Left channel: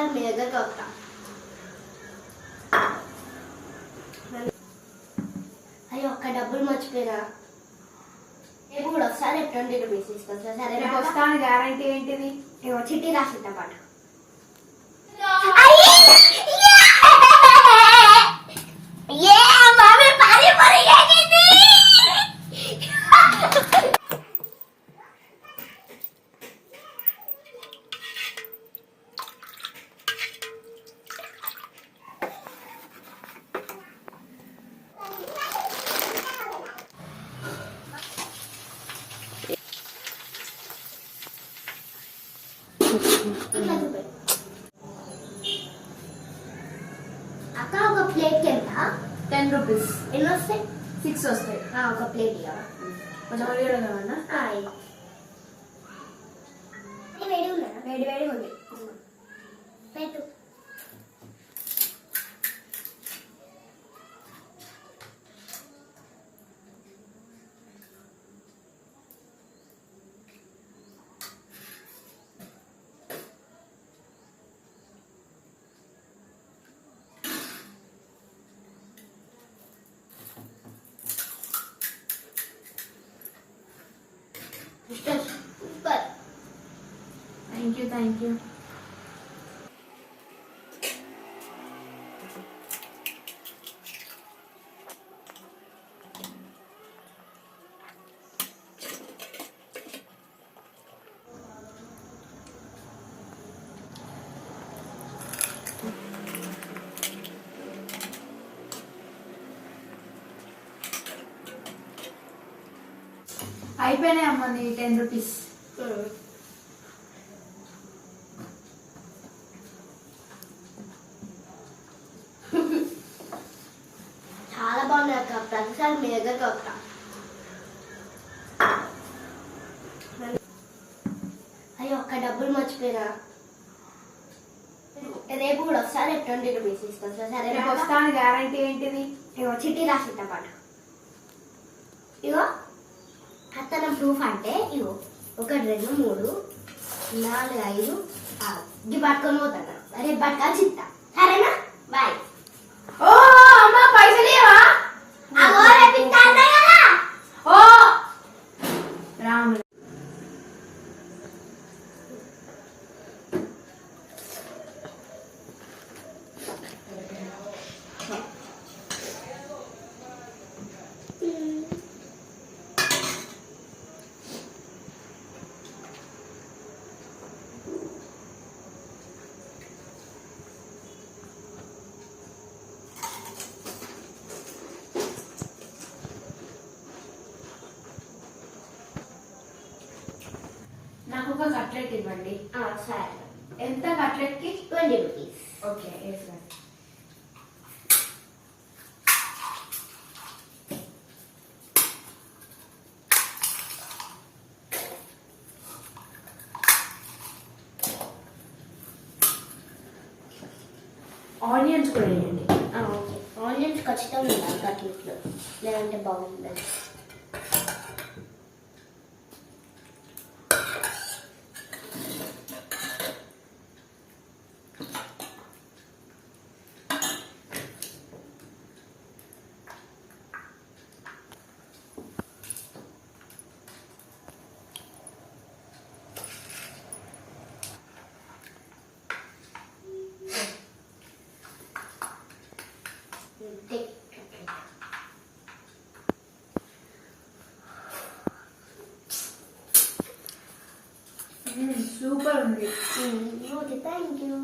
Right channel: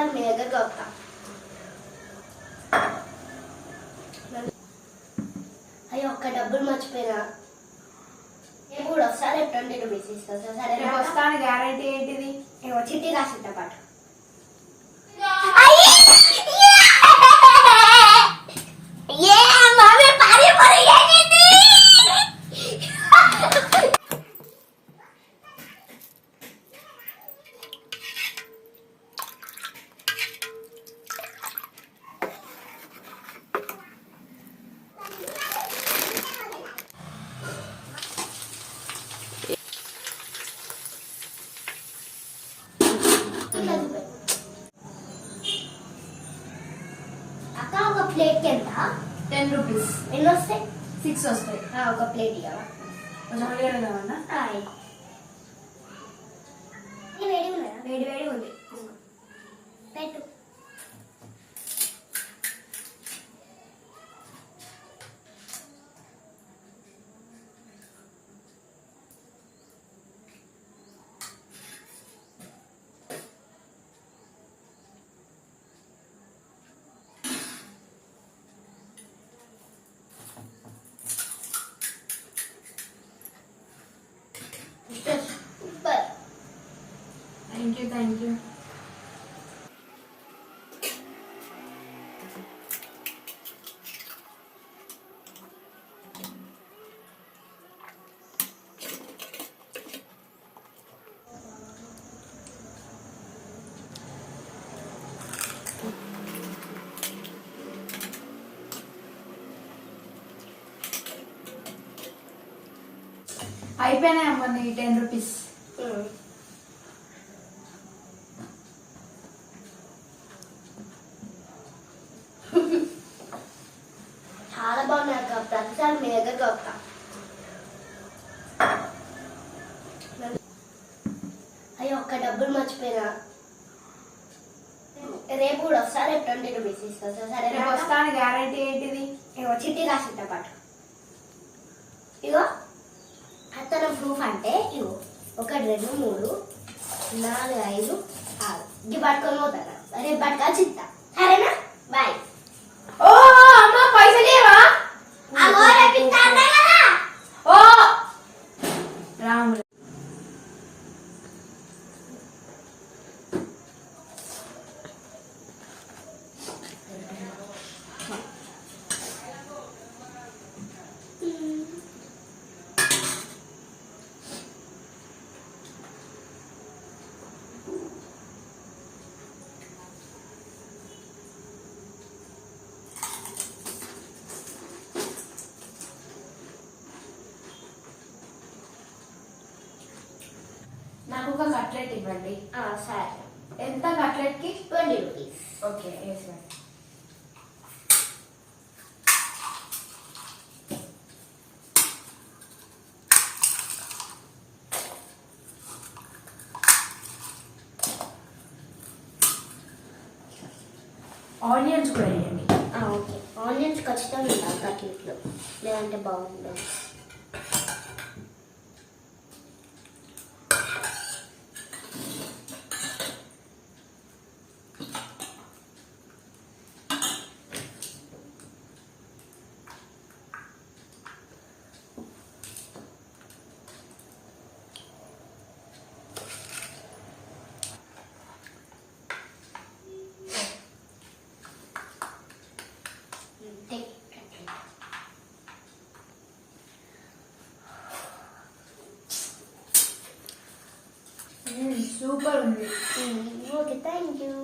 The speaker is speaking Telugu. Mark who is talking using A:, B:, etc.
A: ప్రతిసారి మీ దగ్గరకు వస్తా అయ్యో ఒక్క డబ్బులు మర్చిపోయినా. రేపు కూడా ఒకసారి ఇస్తా సార్ సరే
B: రేపు వస్తాను గ్యారంటీ ఏంటిది?
A: ఏమో చిట్టి రాసిద్దా పాటు. అక్క ఒక ప్లేట్కి ఎంత
B: టెన్ రూపీస్
A: ఎన్ని వస్తాయి
B: సిక్స్ వస్తాయి
A: ఆ, ఒక ప్లేట్ ఇవ్వ
B: కొంచెం వేడి కావాలన్నా
A: వేడి ఉన్నదా వేడి వేడి ఉంది పెట్టు
B: థ్యాంక్ యూ థ్యాంక్ యూ అయిపోయినాయి అమ్మ నీ టెన్ రూపీస్.
A: ప్రతిసారి మీ దగ్గరకు వస్తా. అయ్యో ఒక్క డబ్బులు మర్చిపోయినా. రేపు కూడా ఒకసారి ట్వంటీ రూపీస్ ఇస్తా సార్
B: రేపు వస్తాను గ్యారంటీ ఏంటిది?
A: ఏమో చిట్టి రాసిద్దా పాటు ఇగో అతన ప్రూఫ్ అంటే ఇగో ఒకటి రెండు మూడు నాలుగు ఐదు ఆరు. ఇది పట్టుకొని పోతాను? రేపు పట్టుకొని చిత్తా.
B: నాకు ఒక కట్లెట్ ఇవ్వండి
A: ఆ, సరే
B: ఎంత కట్లెట్ కి
A: ట్వంటీ రూపీస్
B: ఓకే వేసుకోండి ఆనియన్స్ కూడా వేయండి
A: ఓకే ఆనియన్స్ ఖచ్చితంగా ఉండాలి కట్లెట్లో లేదంటే బాగుంటుంది
B: సూపర్ ఉంది
A: ఓకే థ్యాంక్ యూ